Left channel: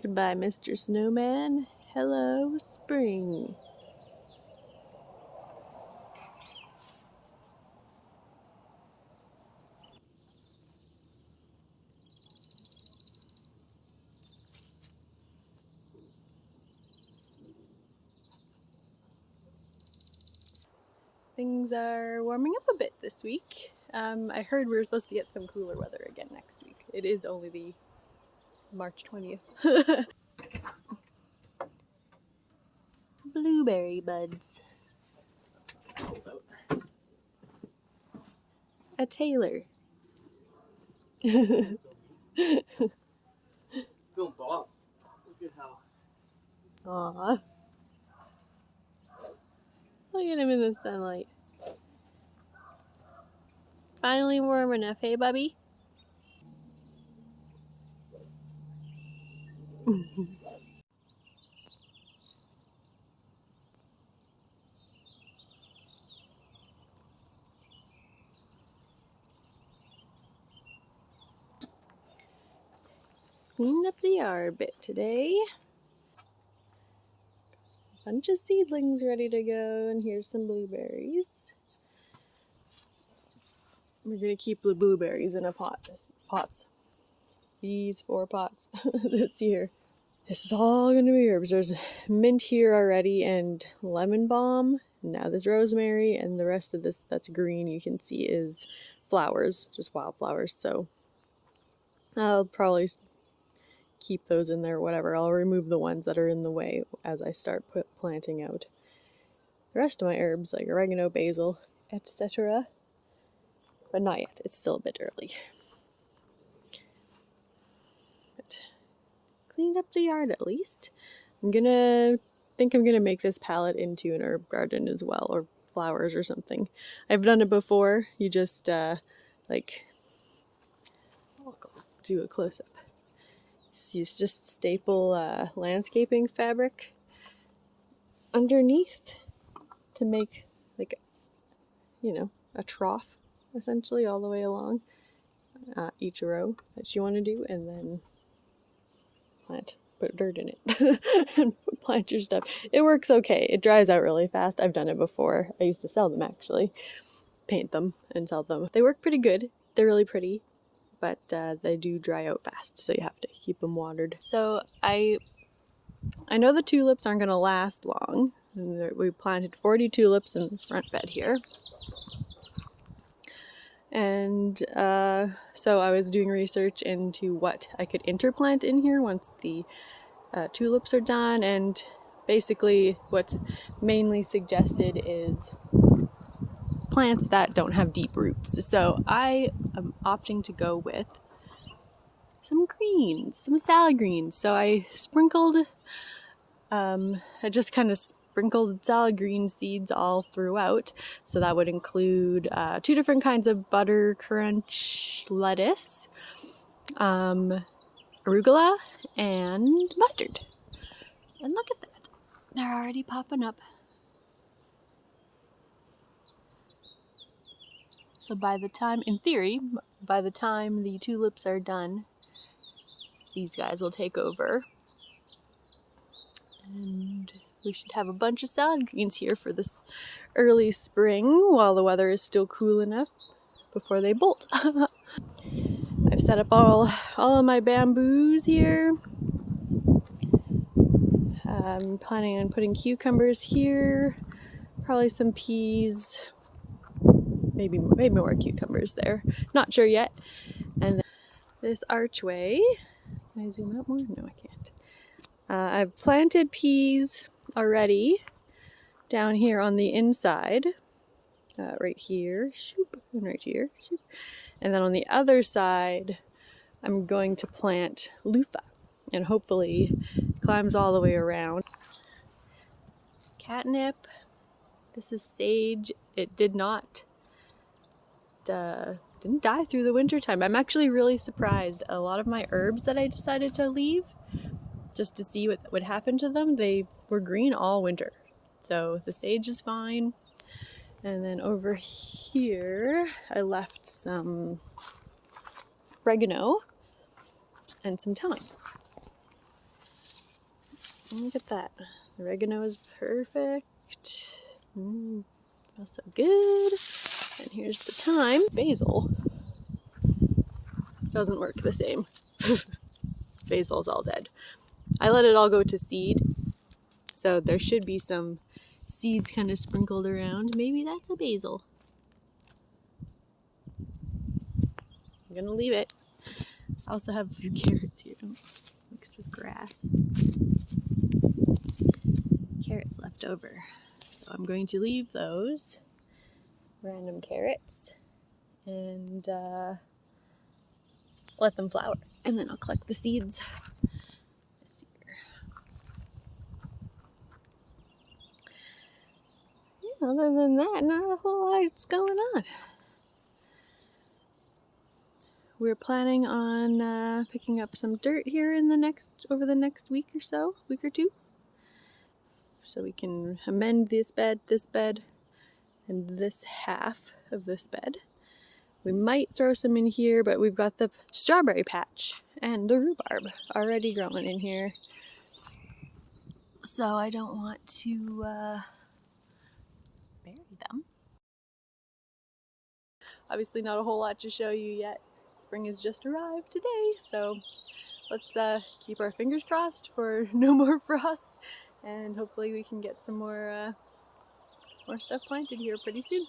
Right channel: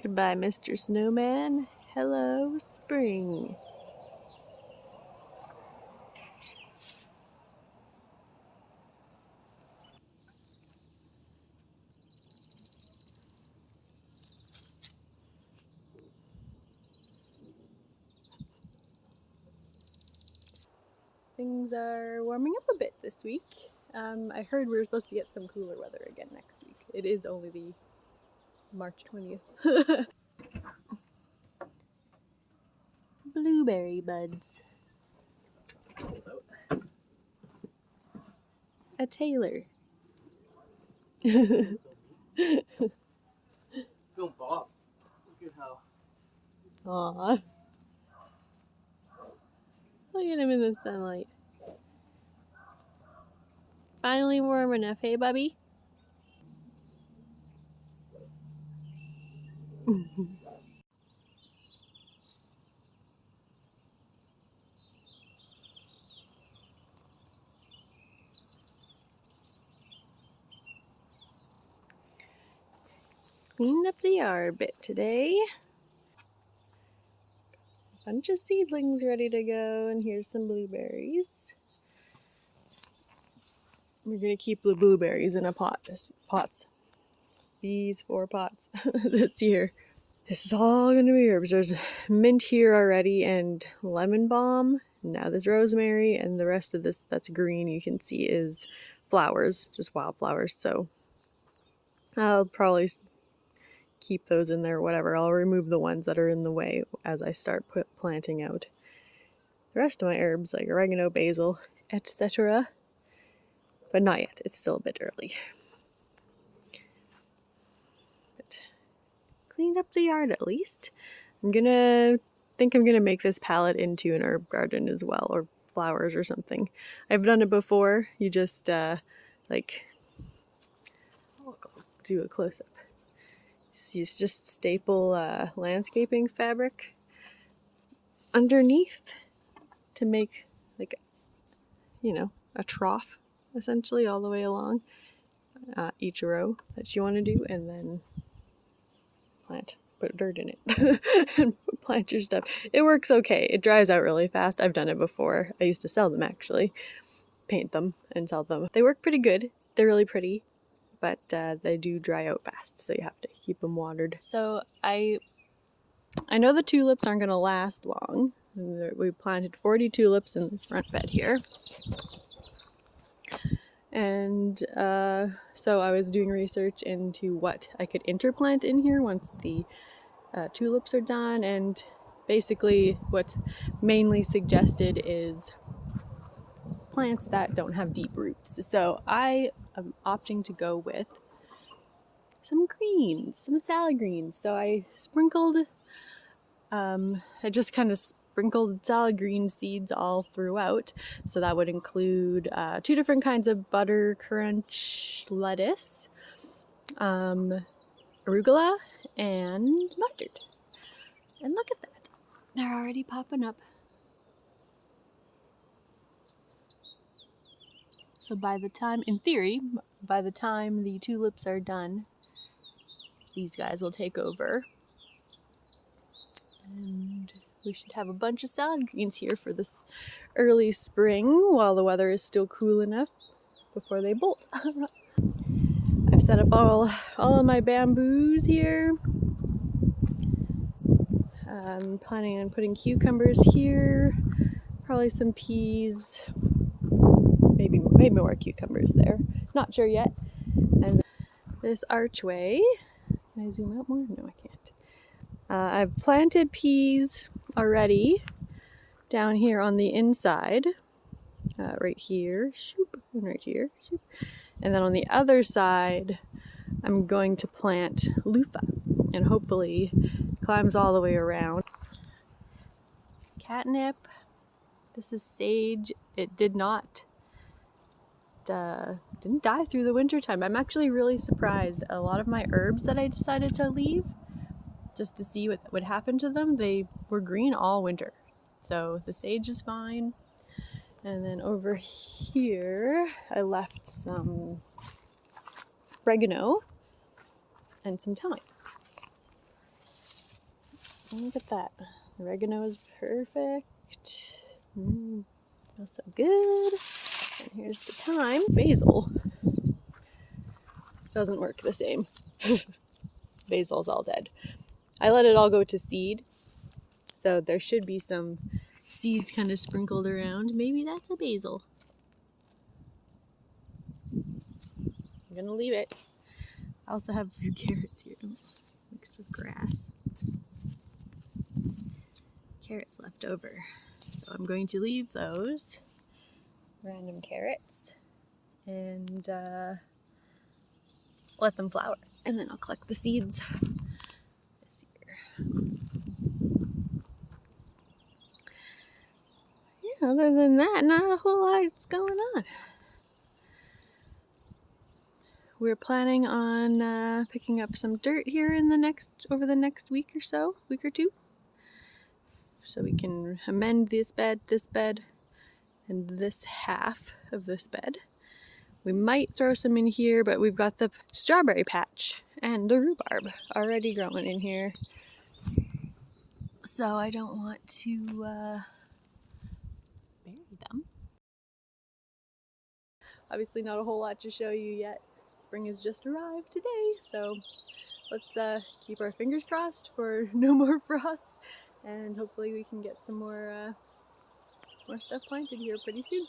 Goodbye, Mr. Snowman. Hello, spring. Things are warming up a bit this week. I heard we were supposed to get some cooler weather again next week. It is only the March 20th. Blueberry buds. A tailor. Feeling Bob. Look at how. Aww. Look at him in the sunlight. Finally warm enough, hey, Bubby? Cleaned up the yard a bit today. Bunch of seedlings ready to go, and here's some blueberries. We're gonna keep the blueberries in a pots. These 4 pots this year. This is all gonna be herbs. There's mint here already and lemon balm. Now there's rosemary, and the rest of this that's green you can see is flowers, just wildflowers. So I'll probably keep those in there, whatever. I'll remove the ones that are in the way as I start planting out the rest of my herbs like oregano, basil, etc. But not yet, it's still a bit early. But cleaned up the yard at least. I'm gonna make this palette into an herb garden as well, or flowers or something. I've done it before. You just like, I'll do a close-up. It's just staple landscaping fabric underneath to make, like, you know, a trough essentially all the way along each row that you want to do, and then put dirt in it and plant your stuff. It works okay. It dries out really fast. I've done it before. I used to sell them, actually. Paint them and sell them. They work pretty good. They're really pretty, but they do dry out fast, so you have to keep them watered. So I know the tulips aren't going to last long. We planted 40 tulips in this front bed here. And so I was doing research into what I could interplant in here once the tulips are done, and basically what's mainly suggested is plants that don't have deep roots. So I am opting to go with some greens, some salad greens. So I sprinkled, I just kind of sprinkled salad green seeds all throughout. So that would include 2 different kinds of butter crunch lettuce, arugula, and mustard. And look at that, they're already popping up. So by the time, in theory, by the time the tulips are done, these guys will take over. And we should have a bunch of salad greens here for this early spring while the weather is still cool enough before they bolt. I've set up all of my bamboos here. I'm planning on putting cucumbers here, probably some peas, maybe more cucumbers there. Not sure yet. And this archway, can I zoom out more? No, I can't. I've planted peas already down here on the inside, right here, and right here, and then on the other side I'm going to plant loofah, and hopefully climbs all the way around. Catnip. This is sage. It didn't die through the winter time. I'm actually really surprised. A lot of my herbs that I decided to leave just to see what would happen to them, they were green all winter. So the sage is fine. And then over here I left some oregano and some thyme. Look at that. The oregano is perfect. Smells so good. And here's the thyme. Basil doesn't work the same. Basil's all dead. I let it all go to seed, so there should be some seeds kind of sprinkled around. Maybe that's a basil. I'm gonna leave it. I also have a few carrots here. Don't mix the grass. Carrots left over. So I'm going to leave those random carrots and let them flower. And then I'll collect the seeds this year. Yeah, other than that, not a whole lot's going on. We're planning on picking up some dirt here in over the next week or two. So we can amend this bed, and this half of this bed. We might throw some in here, but we've got the strawberry patch and the rhubarb already growing in here. So I don't want to bury them. Obviously not a whole lot to show you yet. Spring has just arrived today, so let's keep our fingers crossed for no more frost, and hopefully we can get some more stuff planted here pretty soon.